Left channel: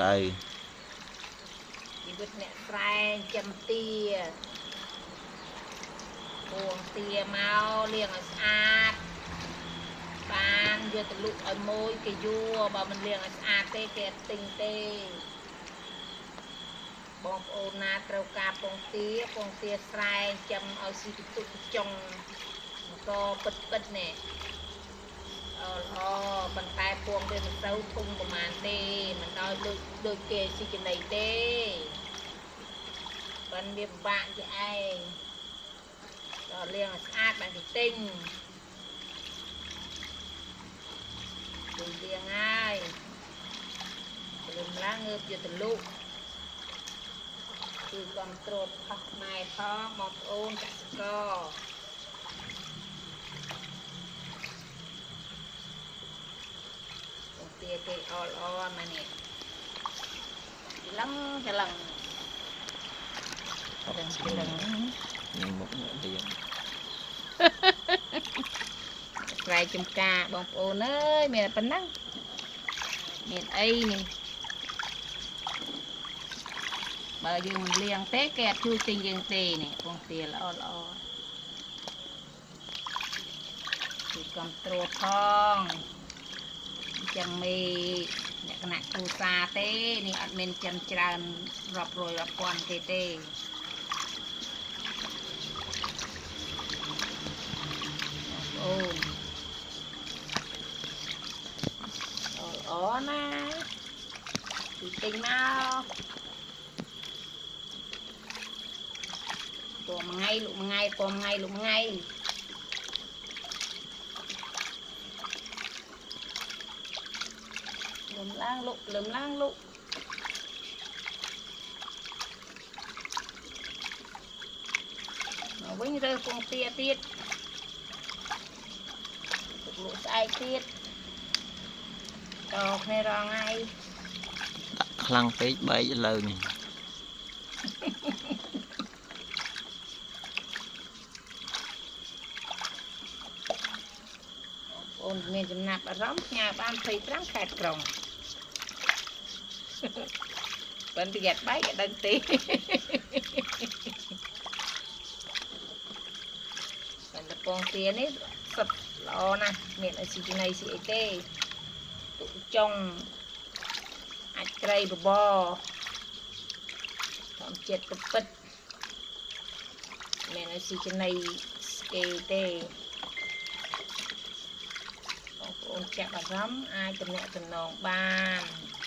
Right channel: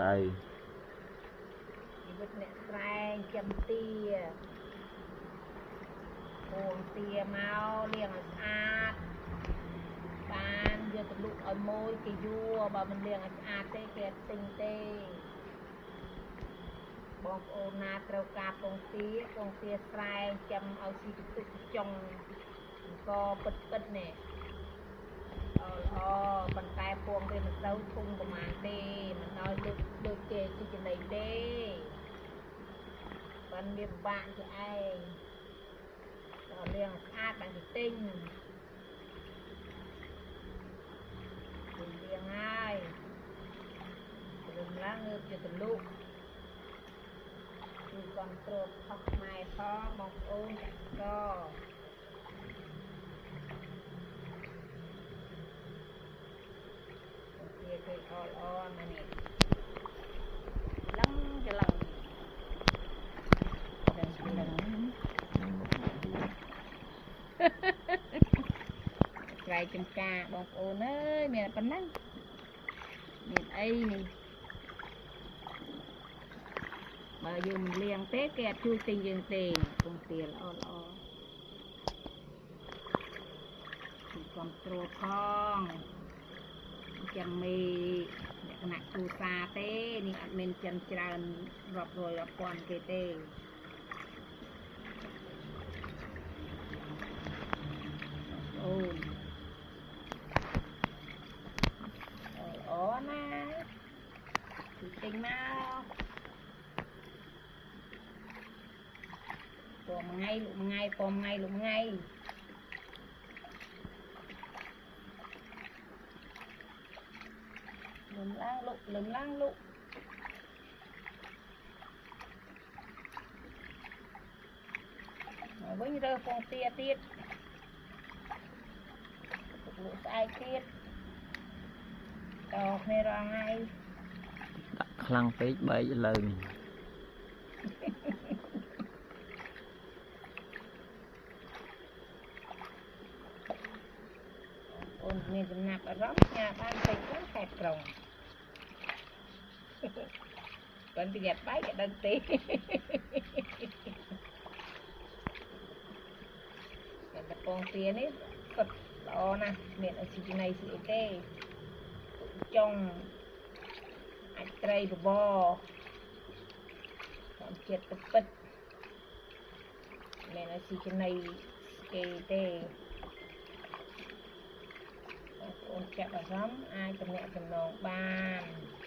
tayជីវិតអ្នកស្រែចាំទាពងទាមកលាងឲ្យស្អាតបានយកទៅលក់ឲ្យមួយគេយួរបើមិនលាងឲ្យស្អាតទេគេទិញទេបងប្អូនណាត្រូវការពងទាស្រែចាំឲ្យស៊ីកន្ទុកចុងក៏ពិតនេះល្អប៉ុន្តែពងវាមិនទៅធំប្រហែលទេមិនដល់ដូចគេស៊ីចំណីទេប៉ុន្តែវាពិបាកជាឯងដល់លាងឲ្យស្អាតបានគេទិញលាងហើយព្រមឡើងងើបយកទៅលក់គឺកំត្រួតផាស់ម៉ែផងបងប្អូនកសិករទាគេអល់មកនេះឡឹងច្រឡឹងមុខទៀតស្រែចំការបងប្អូនអើយមានប៉ុណ្ណឹងមានអីនេះបើយើងមិនលាងទេគេអត់ជួយទិញយើងទេនេះពងទាល្អគឺកំត្រួតផងចាំមីលក្ខណៈគ្រួសារទេនេះអត់មានចិនច្រើនរាប់រយរាប់ពាន់ទេអូណាគឺទិញមកពងមួយថ្ងៃលក់មួយថ្ងៃពងមួយថ្ងៃលក់មួយថ្ងៃលឹមឡើងលក់វិញរើពងទាទៀតលក់ស្អែកទៀតដល់គ្នារងថ្ងៃដាក់ខ្លាំងពេកបែកឥឡូវនេះអូនមានចំណាប់អារម្មណ៍ញ៉ាបានព្រៃប្រាំងខេត្តក្រុងប៉ុន្តែយ៉ាត់បែកដឹងទេតែពងទានេះសុទ្ធល្អណាស់មានអស៊ីចំណីស៊ីអីគេចុងអាចត្រីបបរតាមចិត្តពិតមានអស៊ីចំណីស្គេទេបងប្អូនចាប់អារម្មណ៍អាចទំនាក់ទំនងបាន